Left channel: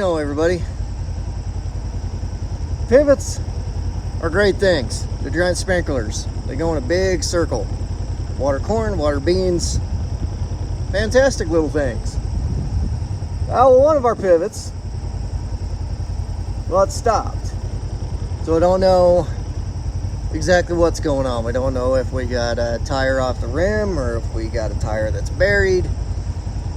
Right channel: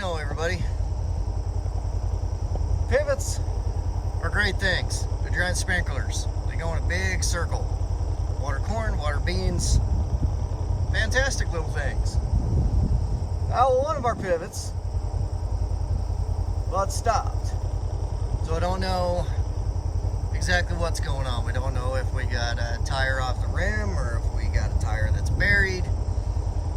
know, everybody. Pivots are great things. They're giant sprinklers. They go in a big circle. Water corn, water beans. Fantastic little things. Well, one of our pivots, well, it stopped. So I don't know exactly what's going on. We don't know if we got a tire off the rim or if we got a tire that's buried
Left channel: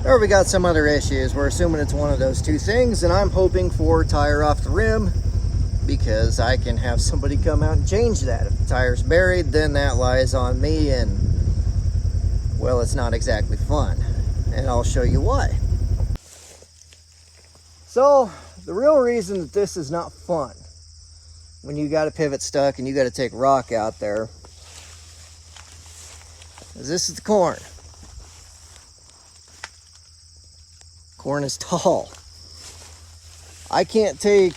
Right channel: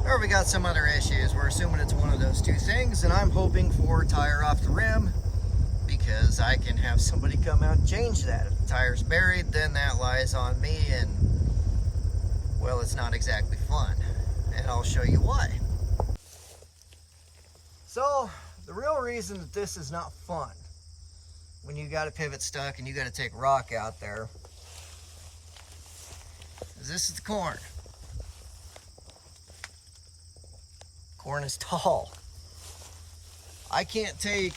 or we got some other issues. We're assuming it's one of those two things, and I'm hoping for tire off the rim because I can have somebody come out and change that. If the tire's buried, then that lies on me, and well, it's not exactly fun, and I'll show you why. So the real reason that this is not fun when you got a pivot stuck and you got to take rock out there is this is the corn. Corn is tall. I can't take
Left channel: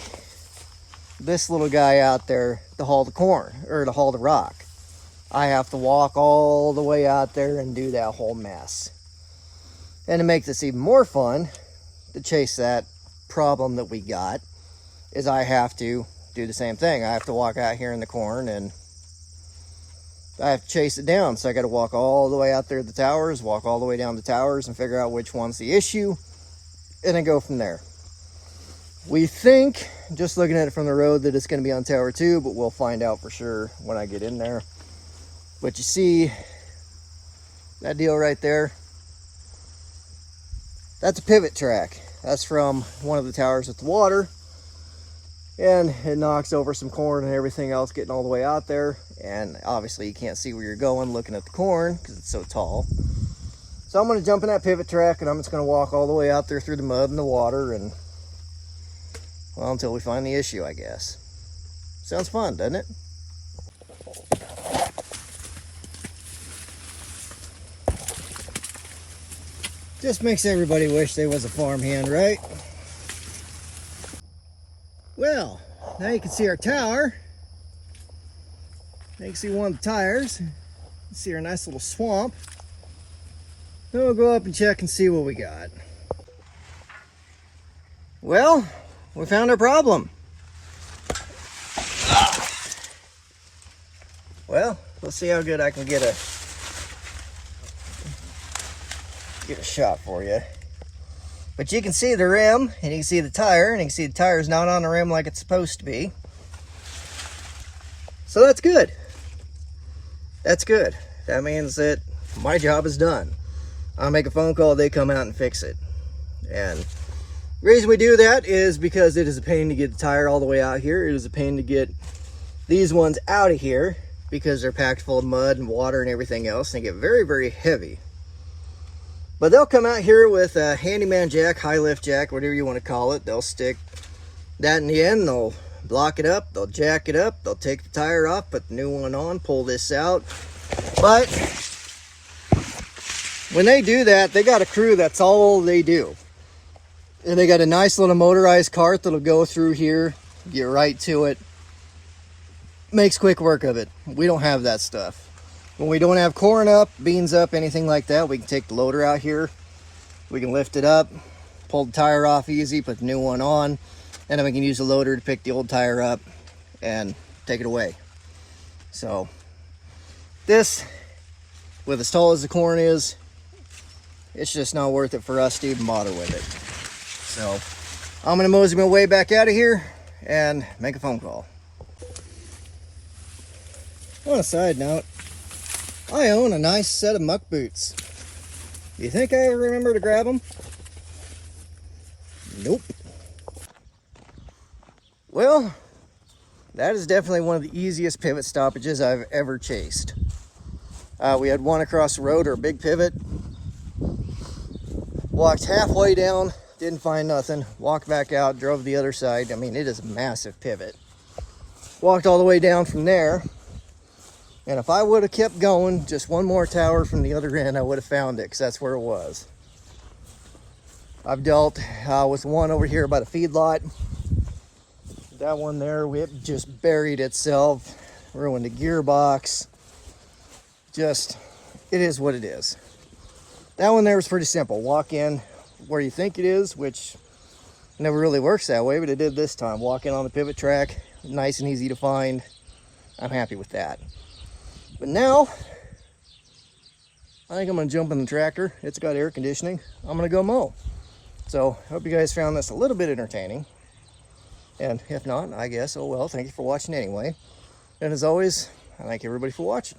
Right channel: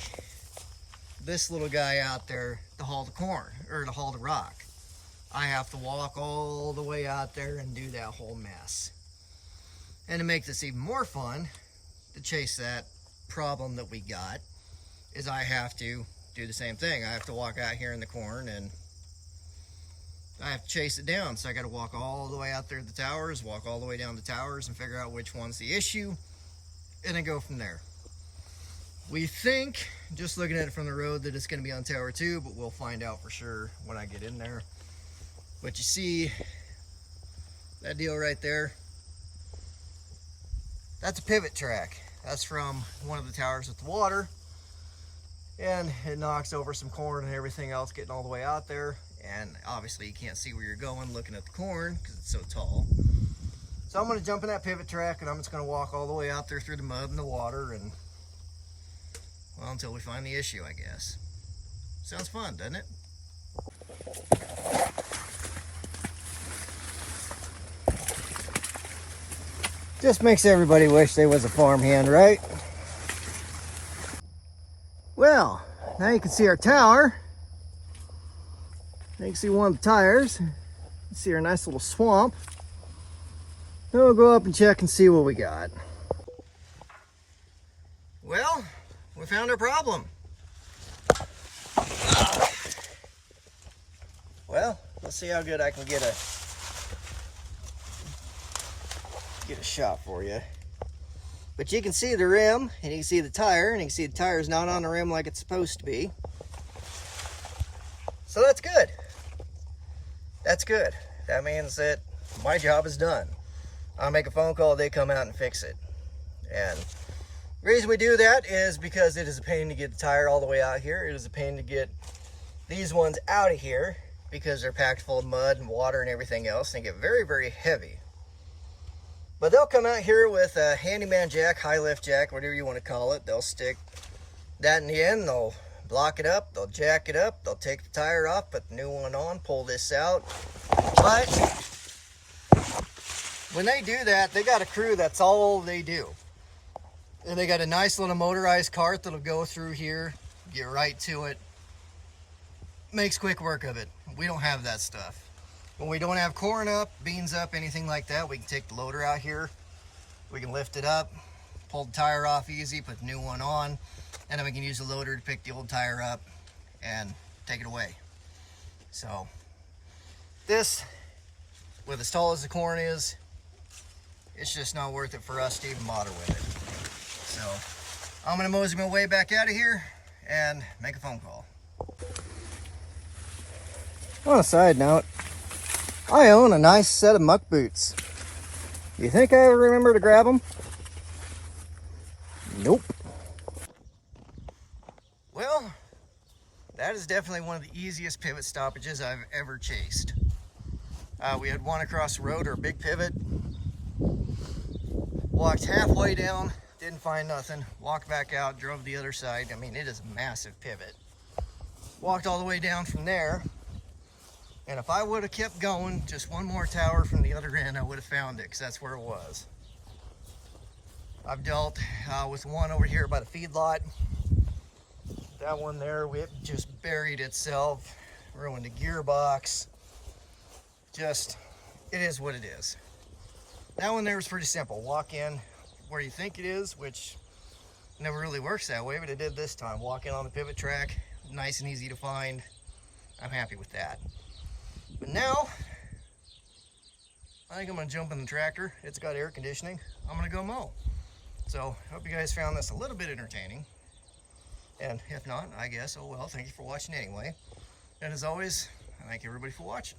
this little guy out there to haul the corn or to haul the rock. I have to walk all the way out there and do that whole mess. And to make this even more fun, to chase that problem that we got, is I have to do the same thing. I have to walk out here in the corn and I have to chase it down. So I got to walk all the way out there to the towers, walk all the way down the towers and figure out which one's the issue, and then go from there. We think, just looking at it from the road, that it's going to be on tower 2, but we'll find out for sure when I get in there. But you see that deal right there? That's a pivot track. That's from one of the towers with the water, and it knocks over some corn and everything else getting all the way out there. And obviously you can't see where you're going looking at the corn because it's so tall. So I'm going to jump in that pivot track and I'm just going to walk all the way out there through the mud and the water, and well, until we find the issue, I guess. Sounds fun, doesn't it? Just makes everybody wish they was a farmhand, right? Well, now you can see our tower. Now you can see one of the tires. You can see our nice little swamp. Then we'll go up and check and see what we got. Well, we found our problem. Well, let's see how good I can get a shot for you. But you can see the rim, and you can see the tire, and you can see the tire's not on the rim like it's supposed to be. So that's good. That's good. That means that my job is done. I'll make a phone call, they come out and fix it. And the reason we do that is because it is a pain to get the tire all the way out here. It is a pain to get these ones out of here because they're packed full of mud and water and everything else. They get very, very heavy. But they'll come out here with a handyman jack, high lift jack, whatever you want to call it. They'll stick that in the end, they'll block it up, they'll jack it up, they'll take the tire off, put the new one on, pull this out. But when they do that, they got a crew, that's all they do. And they got a nice little motorized cart that'll go through here, get right to it. Makes quick work of it. We don't have that stuff. When we don't have corn up, beans up, anything like that, we can take the loader out here. We can lift it up, pull the tire off easy, put the new one on, and then we can use the loader to pick the old tire up and take it away. So this, with as tall as the corn is, it's just not worth it for us to even bother with it. So I'm gonna mosey my way back out of here and make a phone call. On a side note, I own a nice set of muck boots. Do you think I ever remember to grab them? Nope. Well, that is definitely one of the easiest pivot stoppages I've ever chased. We had one across the road, or a big pivot. Walked halfway down, didn't find nothing. Walked back out, drove the other side. I mean, it is a massive pivot. Walked all the way down from there. And if I would have kept going, just one more tower from the other end, I would have found it, because that's where it was. I've dealt with one over here by the feedlot. That one there, it just buried itself, ruined the gearbox. Just, it is what it is. That one there was pretty simple. Walk in where you think it is, which Never really works that way, but it did this time. Walking on the pivot track, nice and easy to find. I'm happy with that. But now, I think I'm gonna jump in the tractor. It's got air conditioning. I'm gonna go mow. So, I hope you guys found this a little bit entertaining. And if not, I guess, oh well, thank you for watching anyway. And as always, I thank everybody for watching.